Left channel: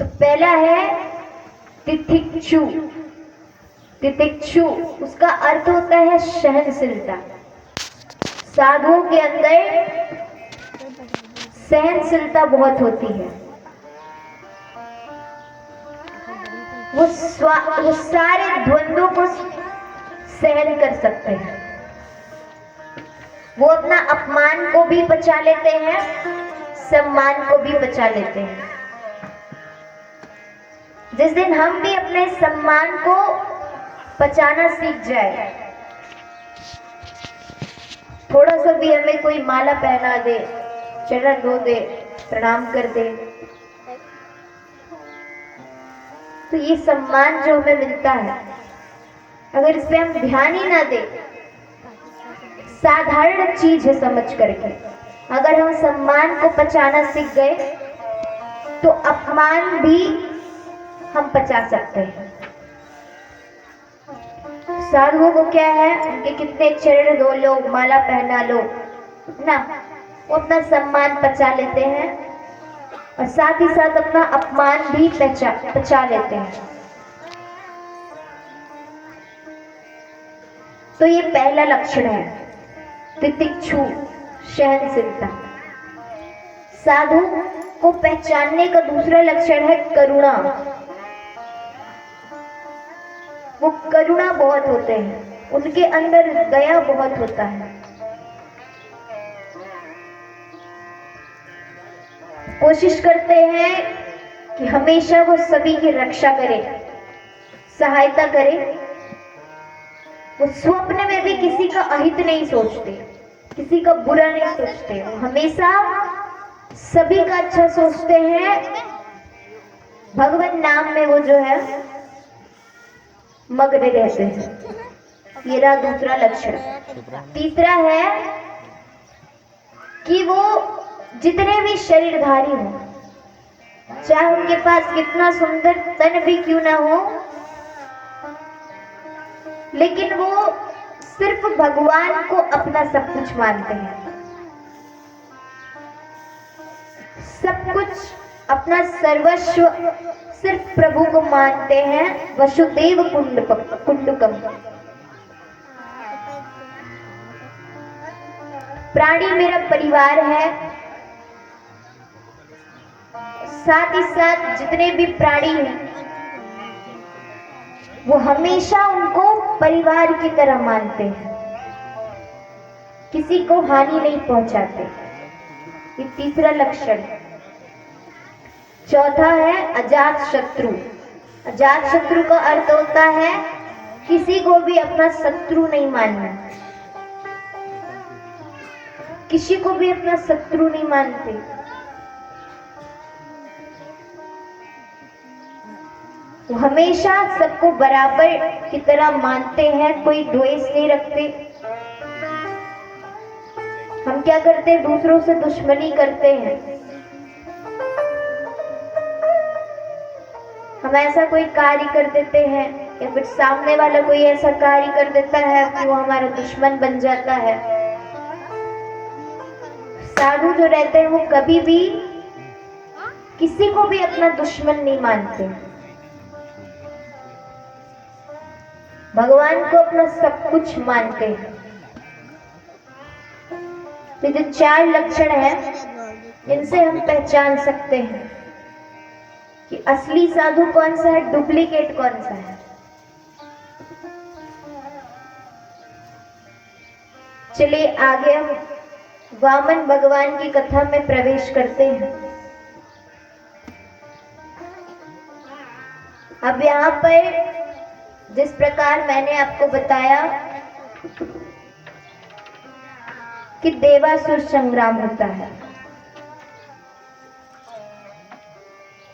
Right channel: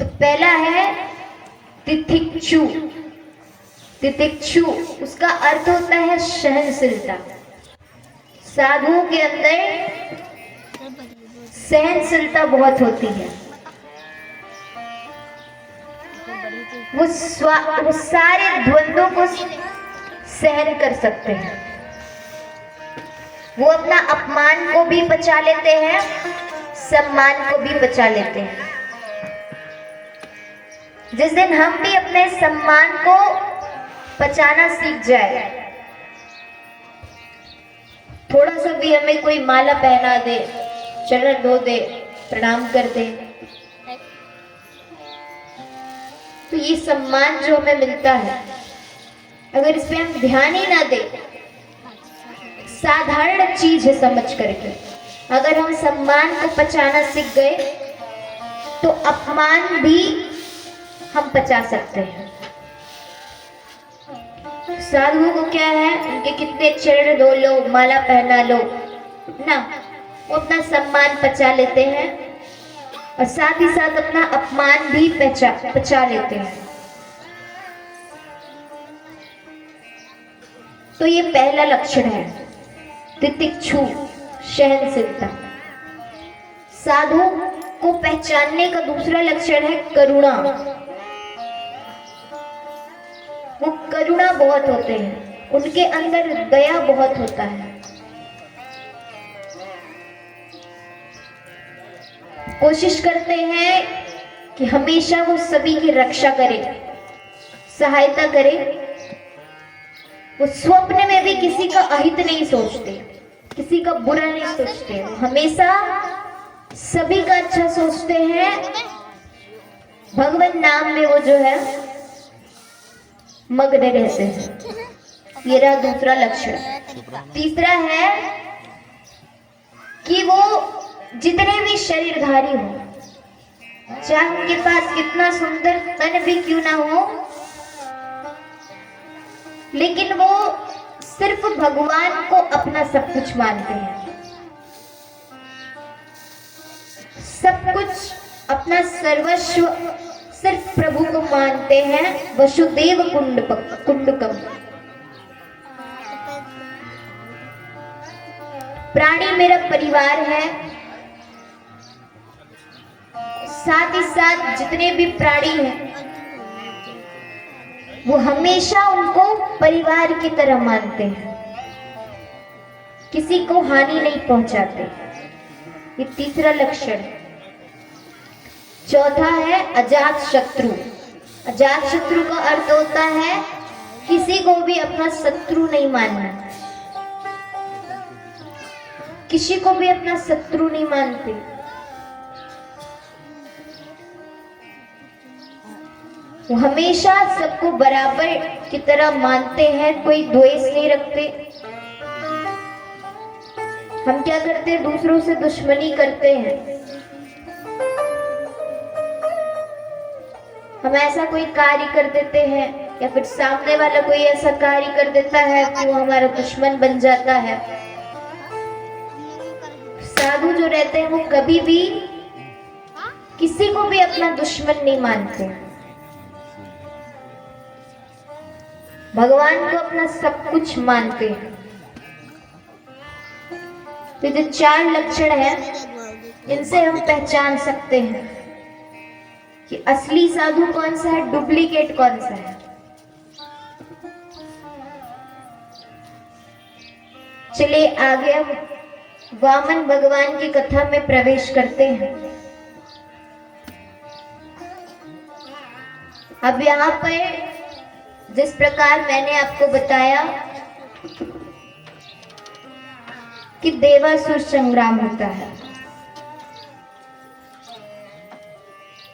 तो पहला है तितिक्षु। तितिक्षु उसका अर्थ होता है सहनशीलता। साधुओं के अंदर सहनशीलता बहुत होती है। वो सारे द्वंद्वों को सहन कर सकते हैं। वो अपना अपमान को भी बचा लेते हैं, सम्मान को भी बचा लेते हैं। जिस दिन हम भी अपने सम्मान को बचाना सीख जाए, थोड़ा सा भी हमें कोई माला पहना दे, चरण धो दे, प्रणाम कर दे, तो ये सम्मान जो हमें मिलता है, अगर इस पे हम ध्यान ही ना दें, साधारण चीज है समझ करके, अगर हम सम्मान को पचाना सीख गए तो अपमान भी हम पचा सकते हैं। साधुओं को क्या है, उनके कितने चरण धो लो, माला पहना लो ना, वो अपना सम्मान पचा लेते हैं और साथ ही साथ अपना अपमान भी पचा लेते हैं। तो ये पहला लक्षण है, तितिक्षु, सहनशीलता। साधु को पहचानने का दूसरा लक्षण है करुणा। वो करुणा बहुत होते हैं, उनके अंदर दया बहुत होता है। कोशिश करते हैं कि हमेशा वो सभी की रक्षा करे, सहायता करे। वो स्वप्न में भी किसी का अहित नहीं सोचते, किसी का बुरा नहीं सोचते, हमेशा सभी का अच्छा सोचते हैं। भगवान नाम में वो जो है मग्न रहते हैं। ये रहा दूसरा लक्षण। तीसरा है कि वो जितने भी शरीरधारी हो, चाहे उनके पास कितना सुंदर तन भी क्यों ना हो, लेकिन वो सिर्फ भगवान को अपना सब कुछ मानते हैं। सब कुछ अपना सर्वस्व सिर्फ प्रभु को मानते हैं। वसुदेव कुंडकम। प्राणी मेरा परिवार है, साथ ही साथ जितने भी प्राणी हैं वो हमेशा उनको परिवार की तरह मानते हैं, किसी को हानि नहीं पहुंचाते। ये तीसरा लक्षण है। चौथा है अजात शत्रु। अजात शत्रु का अर्थ होता है किसी को भी अपना शत्रु नहीं मानना, किसी को भी अपना शत्रु नहीं मानते। वो हमेशा सबको बराबर की तरह मानते हैं, कोई द्वेष नहीं रखते। हम क्या करते हैं, दूसरों से दुश्मनी करते हैं। हम ऐसा कोई कार्य कर देते हैं या फिर सामने वाला कोई ऐसा कार्य कर देता है कि वो हमारा दुश्मन बन जाता है। साधु जो रहते हैं वो कभी भी किसी को भी अपना दुश्मन नहीं मानते, भगवान को अपना सब कुछ मानते हैं। तो जो चार लक्षण हैं, इनसे हम पहचान सकते हैं कि असली साधु कौन सा है, डुप्लीकेट कौन सा है। चलिए आगे हम वामन भगवान की कथा में प्रवेश करते हैं। अब यहाँ पर जिस प्रकार मैंने आपको बताया कि देवासुर संग्राम होता है,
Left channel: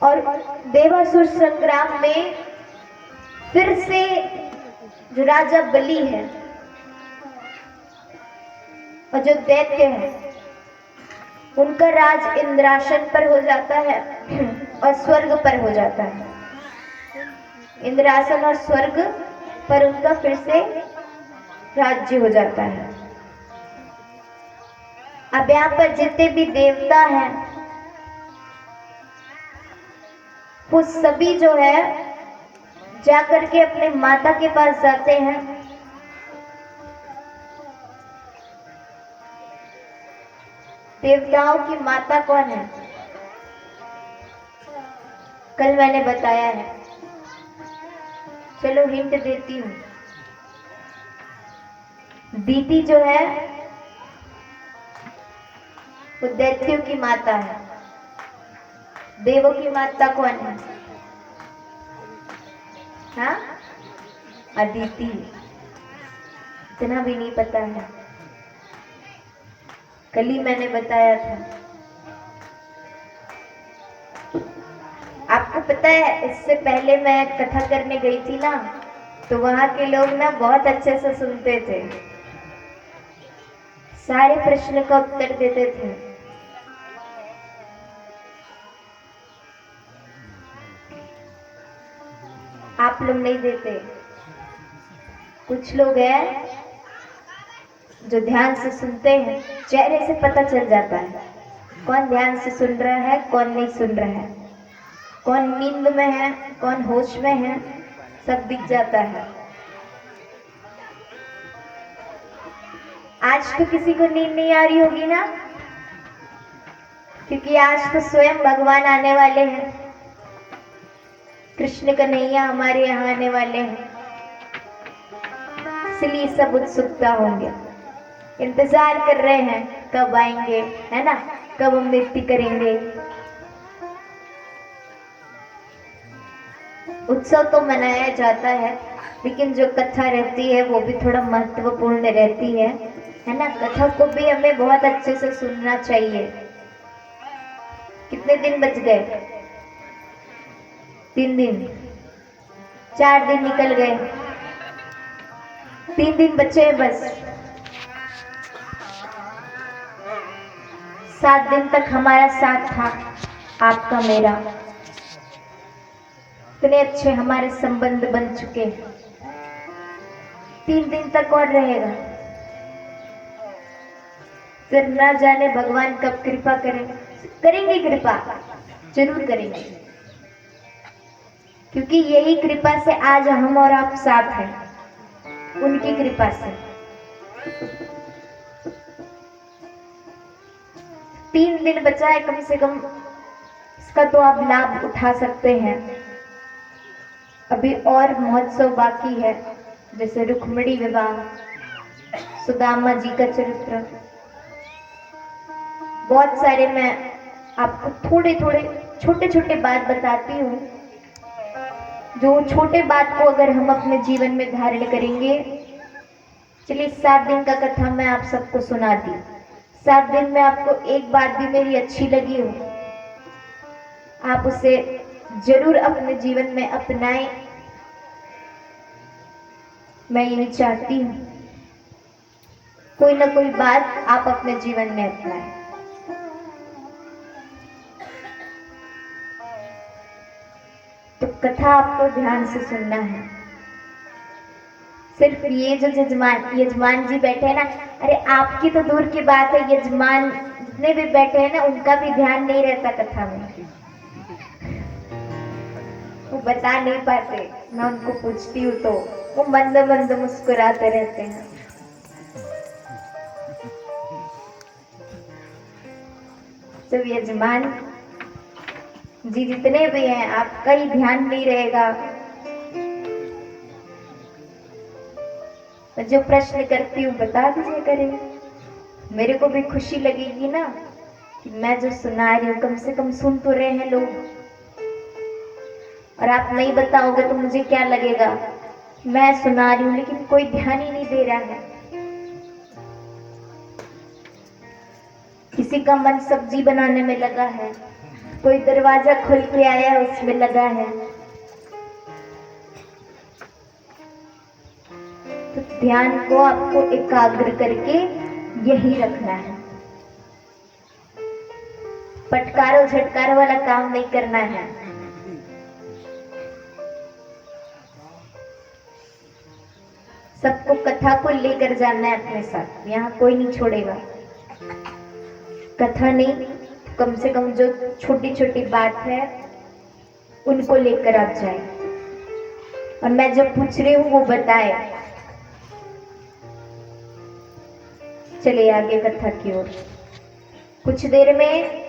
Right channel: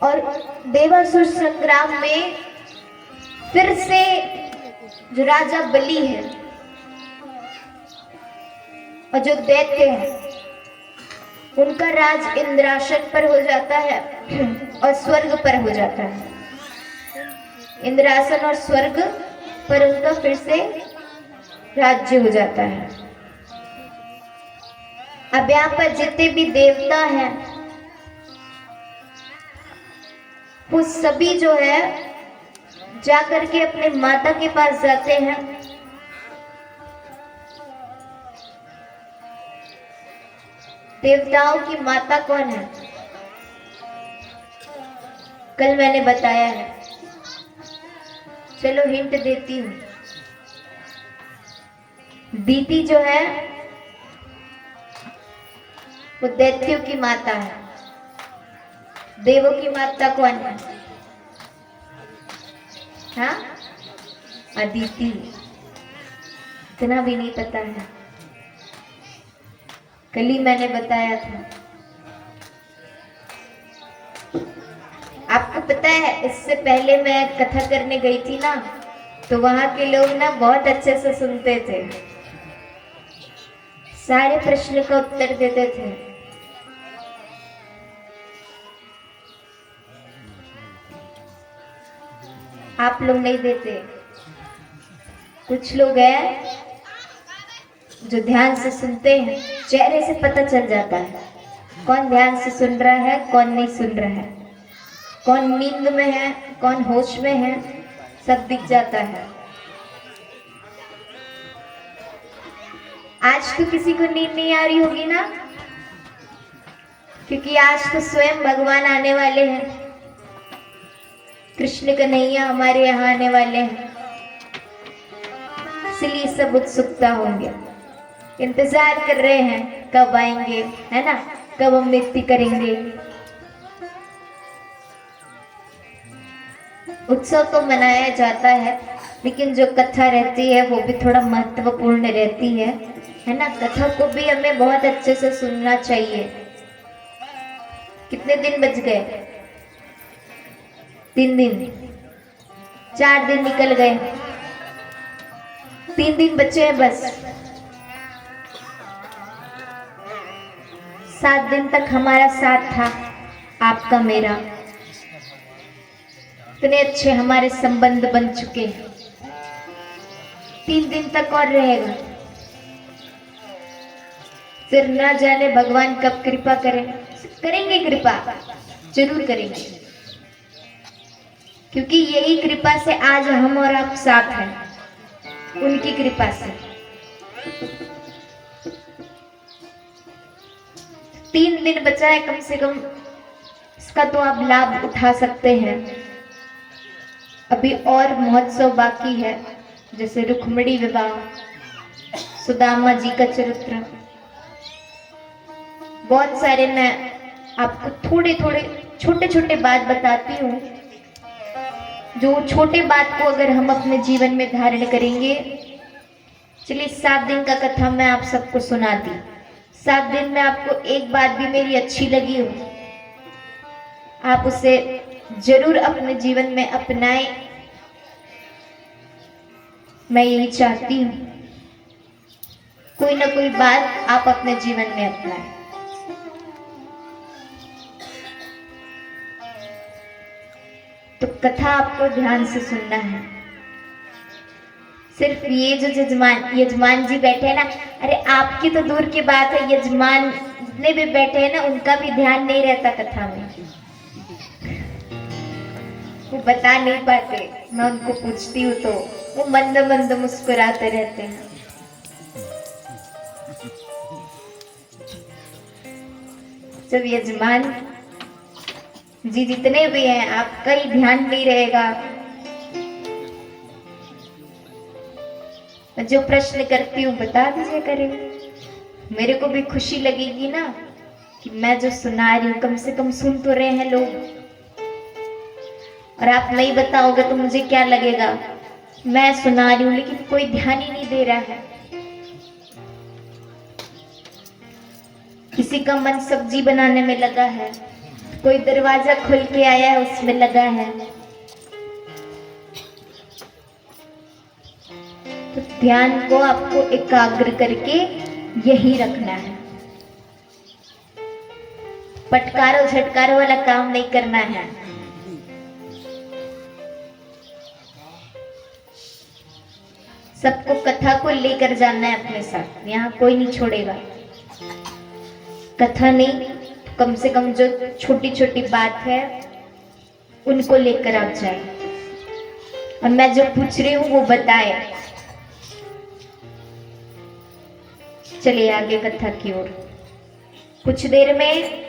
और देवासुर संग्राम में फिर से जो राजा बलि है और जो दैत्य है, उनका राज इंद्रासन पर हो जाता है और स्वर्ग पर हो जाता है। इंद्रासन और स्वर्ग पर उनका फिर से राज्य हो जाता है। अब यहाँ पर जितने भी देवता हैं वो सभी जो है जाकर के अपने माता के पास जाते हैं। देवताओं की माता कौन है? कल मैंने बताया है, चलो हिंट देती हूँ। दीति जो है वो दैत्यों की माता है। देवों की माता कौन है? हाँ, अदिति। इतना भी नहीं पता है, कल ही मैंने बताया था। आपको पता है, इससे पहले मैं कथा करने गई थी ना, तो वहां के लोग ना बहुत अच्छे से सुनते थे, सारे प्रश्न का उत्तर देते थे। आप लोग नहीं देते। कुछ लोग हैं जो ध्यान से सुनते हैं, चेहरे से पता चल जाता है कौन ध्यान से सुन रहा है, कौन नहीं सुन रहा है, कौन नींद में है, कौन होश में है, सब दिख जाता है। आज तो किसी को नींद नहीं आ रही होगी ना, क्योंकि आज तो स्वयं भगवान आने वाले हैं। कृष्ण कन्हैया हमारे यहाँ आने वाले हैं, इसलिए सब उत्सुकता होंगे, इंतजार कर रहे हैं कब आएंगे, है ना, कब हम नृत्य करेंगे। उत्सव तो मनाया जाता है, लेकिन जो कथा रहती है वो भी थोड़ा महत्वपूर्ण रहती है ना। कथा को भी हमें बहुत अच्छे से सुनना चाहिए। कितने दिन बच गए? 3 दिन, 4 दिन निकल गए, 3 दिन बचे हैं बस। 7 दिन तक हमारा साथ था, आपका मेरा। इतने अच्छे हमारे संबंध बन चुके हैं, 3 दिन तक और रहेगा। फिर ना जाने भगवान कब कृपा करें। करेंगे कृपा, जरूर करेंगे, क्योंकि यही कृपा से आज हम और आप साथ हैं, उनकी कृपा से। 3 दिन बचा है कम से कम, इसका तो आप लाभ उठा सकते हैं। अभी और महोत्सव बाकी है, जैसे रुक्मिणी विवाह, सुदामा जी का चरित्र, बहुत सारे। मैं आपको थोड़े थोड़े छोटे छोटे बात बताती हूँ, जो छोटे बात को अगर हम अपने जीवन में धारण करेंगे। चलिए 7 दिन का कथा मैं आप सबको सुनाती। 7 दिन में आपको एक बात भी मेरी अच्छी लगी हो, आप उसे जरूर अपने जीवन में अपनाएं। मैं यही चाहती हूँ, कोई ना कोई बात आप अपने जीवन में अपनाएं। तो कथा आपको ध्यान से सुनना है। सिर्फ ये जो यजमान जी बैठे हैं ना, अरे आपकी तो दूर की बात है, यजमान जितने भी बैठे हैं ना, उनका भी ध्यान नहीं रहता कथा में, वो बता नहीं पाते। मैं उनको पूछती हूँ तो वो मंद मंद मुस्कुराते रहते हैं। जब यजमान जी जितने भी हैं, आपका ही ध्यान नहीं रहेगा। मैं जो प्रश्न करती हूँ बता दीजिए करेंगे, मेरे को भी खुशी लगेगी ना कि मैं जो सुना रही हूँ कम से कम सुन तो रहे हैं लोग। और आप नहीं बताओगे तो मुझे क्या लगेगा, मैं सुना रही हूँ लेकिन कोई ध्यान ही नहीं दे रहा है। किसी का मन सब्जी बनाने में लगा है, कोई दरवाजा खोल के आया है उसमें लगा है। तो ध्यान को आपको एकाग्र करके यही रखना है, पटकारो झटकारो वाला काम नहीं करना है। सबको कथा को लेकर जाना है अपने साथ, यहाँ कोई नहीं छोड़ेगा। कथा नहीं, कम से कम जो छोटी छोटी बात है उनको लेकर आप जाए और मैं जो पूछ रही हूं वो बताए। चलिए आगे कथा की ओर। कुछ देर में